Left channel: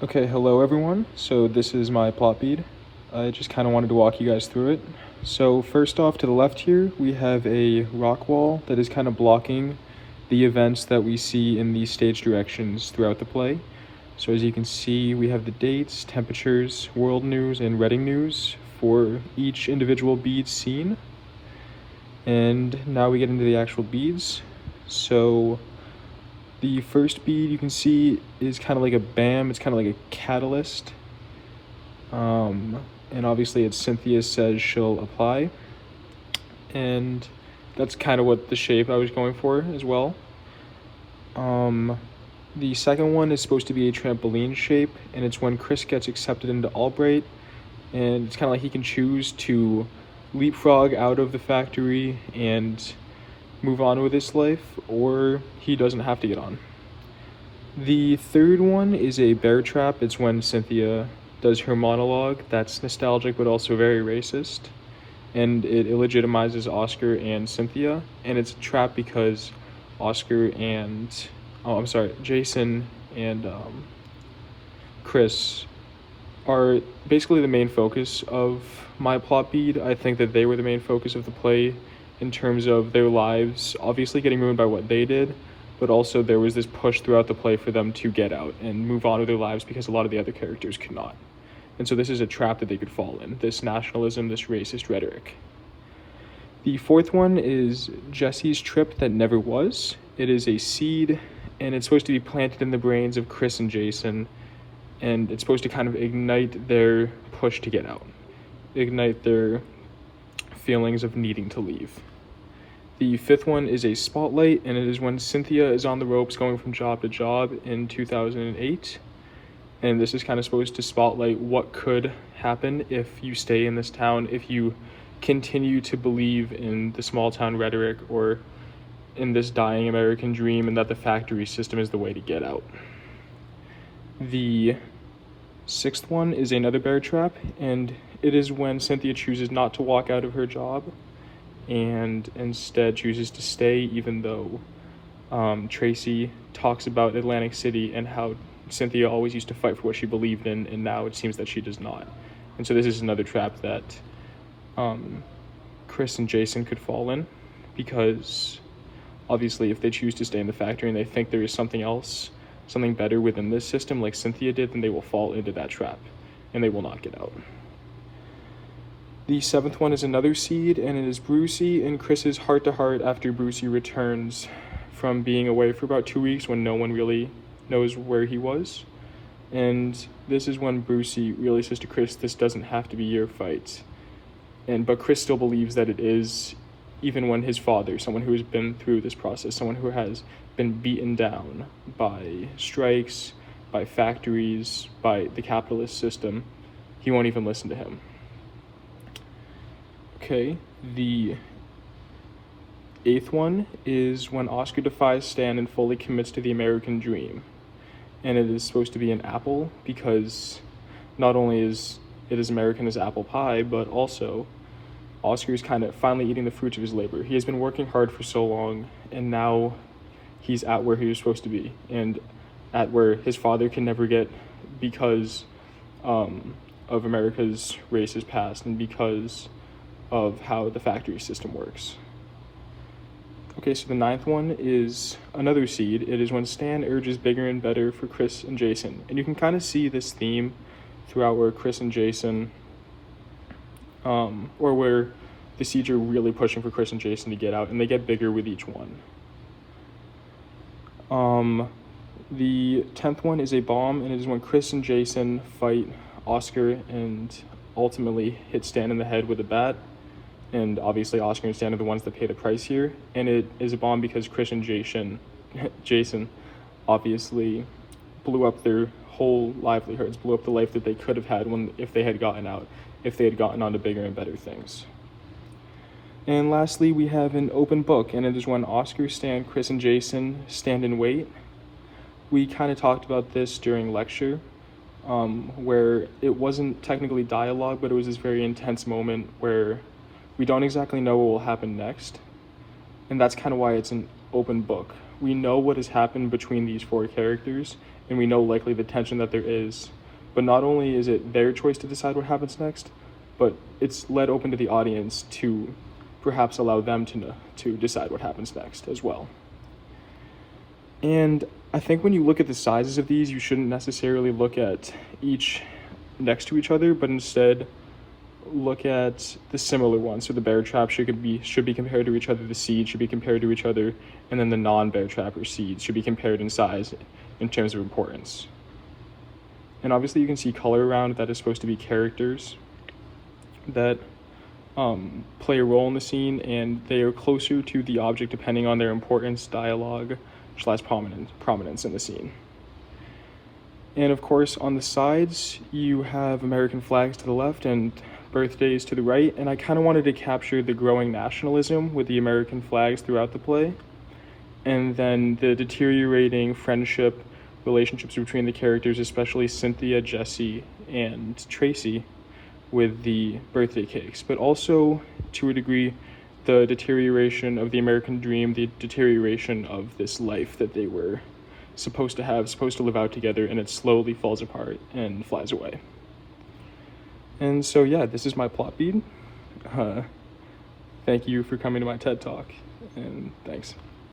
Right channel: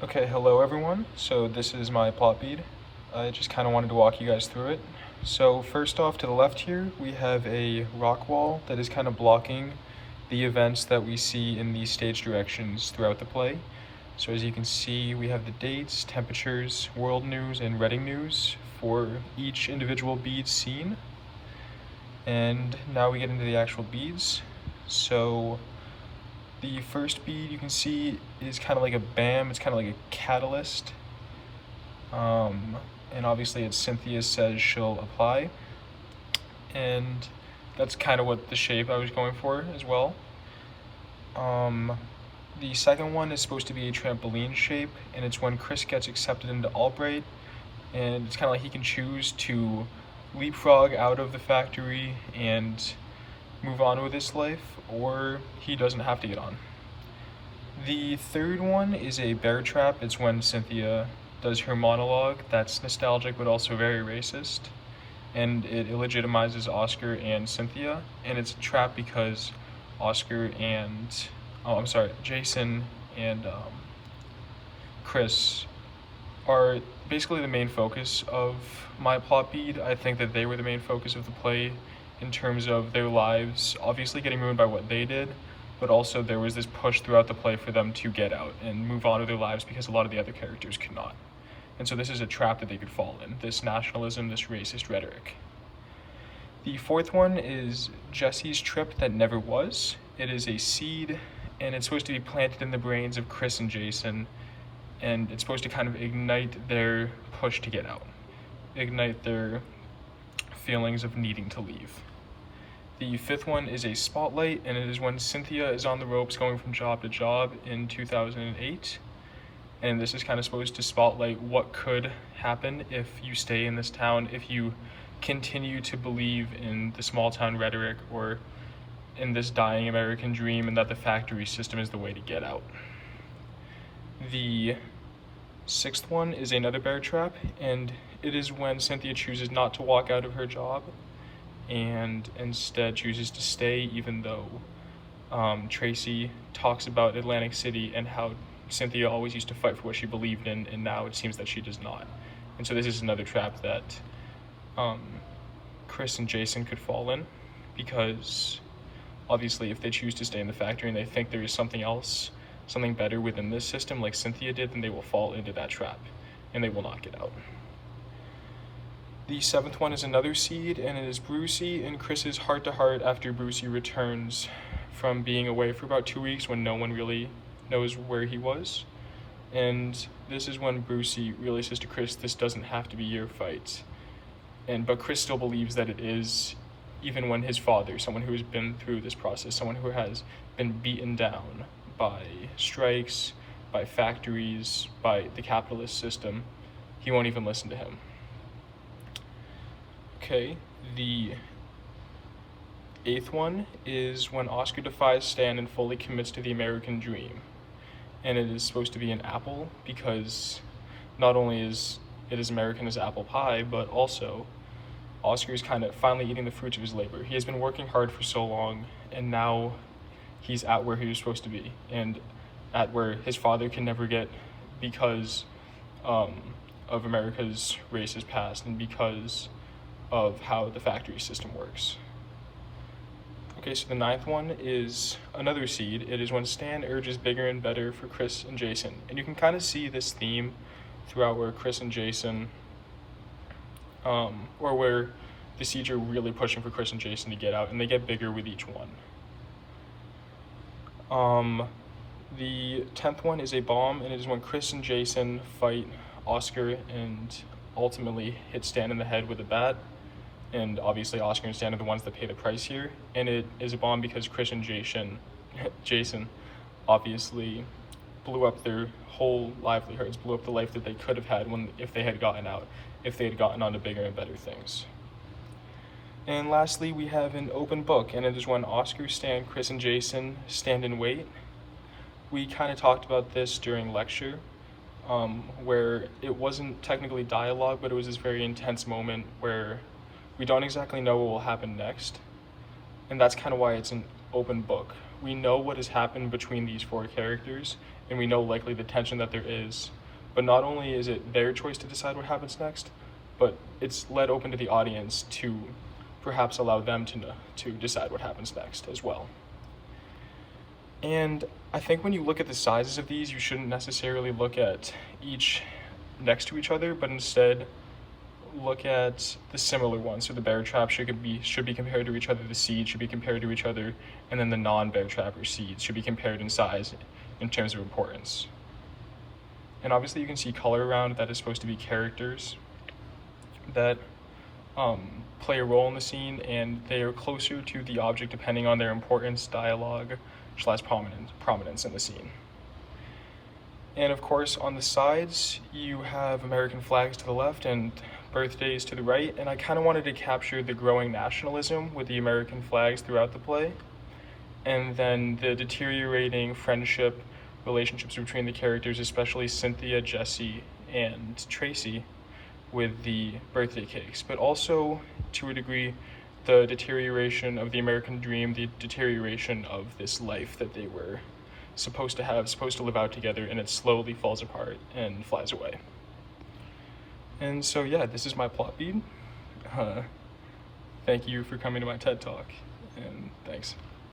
Okay, hello everyone. So this is my plot bead. I just kind of wanted to walk you guys through it. So first off, to the left here, we have a rock wall that is kind of blocking the events that we see in the stage directions throughout the play. So as you can see, we have the dates, temperatures, world news, and Reading news for each individual bead scene. And now we get into the actual beads. So the first bead you can see is kind of like a BAM, it's kind of like a catalyst. And obviously it's Cynthia says she'll apply. And that's kind of what the shape I was going for as well. The second one is supposed to be a trampoline shape, and it's when Chris gets accepted into Albright, and it's kind of like he can choose to leapfrog out of the factory and move on with his life, or he doesn't have to get on. The third one is a bear trap. It's when Cynthia does her monologue that's nostalgic but also very racist, and it illegitimizes Oscar and Cynthia, and it's a trap because Jason and Chris are basically the main focus of my plot bead. I think that they were the main focus of the play in terms of their lives obviously getting ruined by what they did, but also there was this push throughout the play for them to get out and move on with their lives because a lot of the other characters could not. And so this is a trap that they could fall in, this nationalism, this racist rhetoric. The fourth one is Jesse's trip that never was. It is a seed, and it's supposed to be planted in the brains of Chris and Jason, and it's supposed to kind of ignite their push to get out, ignite their feelings of needing to leave. The fifth one is a spotlight, and it is when Cynthia is on the ropes going from job to job in 2008. And this is kind of supposed to spotlight what could happen if you stay in this town, if you continue to believe in the small town rhetoric or in this dying American dream, and that the factory system is the way to get out. The sixth one is another bear trap, and it is when Cynthia chooses not to walk out of her job and instead chooses to stay, even though Tracy talks about Atlantic City and how Cynthia always used to fight for what she believed in, and now it seems that she does not. And so this is another trap that Chris and Jason could fall in, because obviously if they choose to stay in the factory and they think there is something else, something better within this system like Cynthia did, then they will fall into that trap and they will not get out. The seventh one is another seed, and it is Brucey and Chris's heart-to-heart after Brucey returns from being away for about 2 weeks when no one really knows where he was. And this is when Brucey really says to Chris, this doesn't have to be your fight. But Chris still believes that it is, even when his father, someone who has been through this process, someone who has been beaten down by strikes, by factories, by the capitalist system, he won't even listen to him. Okay, the eighth one is when Oscar defies Stan and fully commits to the American dream. And it is supposed to be an apple, because not only is it as American as apple pie, but also Oscar is kind of finally eating the fruits of his labor. He has been working hard for so long, and now he's at where he was supposed to be, and at where his father can never get because of America's racist past and because of how the factory system works. Okay, so the ninth one is another seed. It is when Stan urges bigger and better for Chris and Jason. And you can kind of see this theme throughout where Chris and Jason, or where the seeds are really pushing for Chris and Jason to get out, and they get bigger with each one. The 10th one is a bomb, and it is when Chris and Jason fight Oscar and ultimately hit Stan in the head with a bat. And obviously Oscar and Stan are the ones that pay the price here. And it is a bomb because Chris and Jason obviously blew up their whole livelihoods, blew up the life that they could have had if they had gotten out, if they had gotten on to bigger and better things. And lastly, we have an open book, and it is when Oscar, Stan, Chris, and Jason stand and wait. We kind of talked about this during lecture, where it wasn't technically dialogue, but it was this very intense moment where we don't exactly know what will happen next, and that's kind of why it's an open book. We know what has happened between these four characters, and we know likely the tension that there is. But not only is it their choice to decide what happens next, but it's led open to the audience to perhaps allow them to decide what happens next as well. And I think when you look at the sizes of these, you shouldn't necessarily look at each next to each other, but instead look at the similar ones. So the bear trap should be compared to each other, the seed should be compared to each other, and then the non-bear trap or seeds should be compared in size in terms of importance. And obviously you can see color around that is supposed to be characters that play a role in the scene, and they are closer to the object depending on their importance, dialogue, / prominence in the scene. And of course, on the sides, you have American flags to the left and birthdays to the right, and I kind of wanted to capture the growing nationalism with the American flags throughout the play, and then the deteriorating friendship relationships between the characters, especially Cynthia, Jesse, and Tracy, with the birthday cakes, but also, to a degree, the deterioration of the American dream, the deterioration of this life that they were supposed to live out together, and it slowly falls apart and flies away. And so yeah, this is my plot bead. Thank you for coming to my TED Talk, and thanks.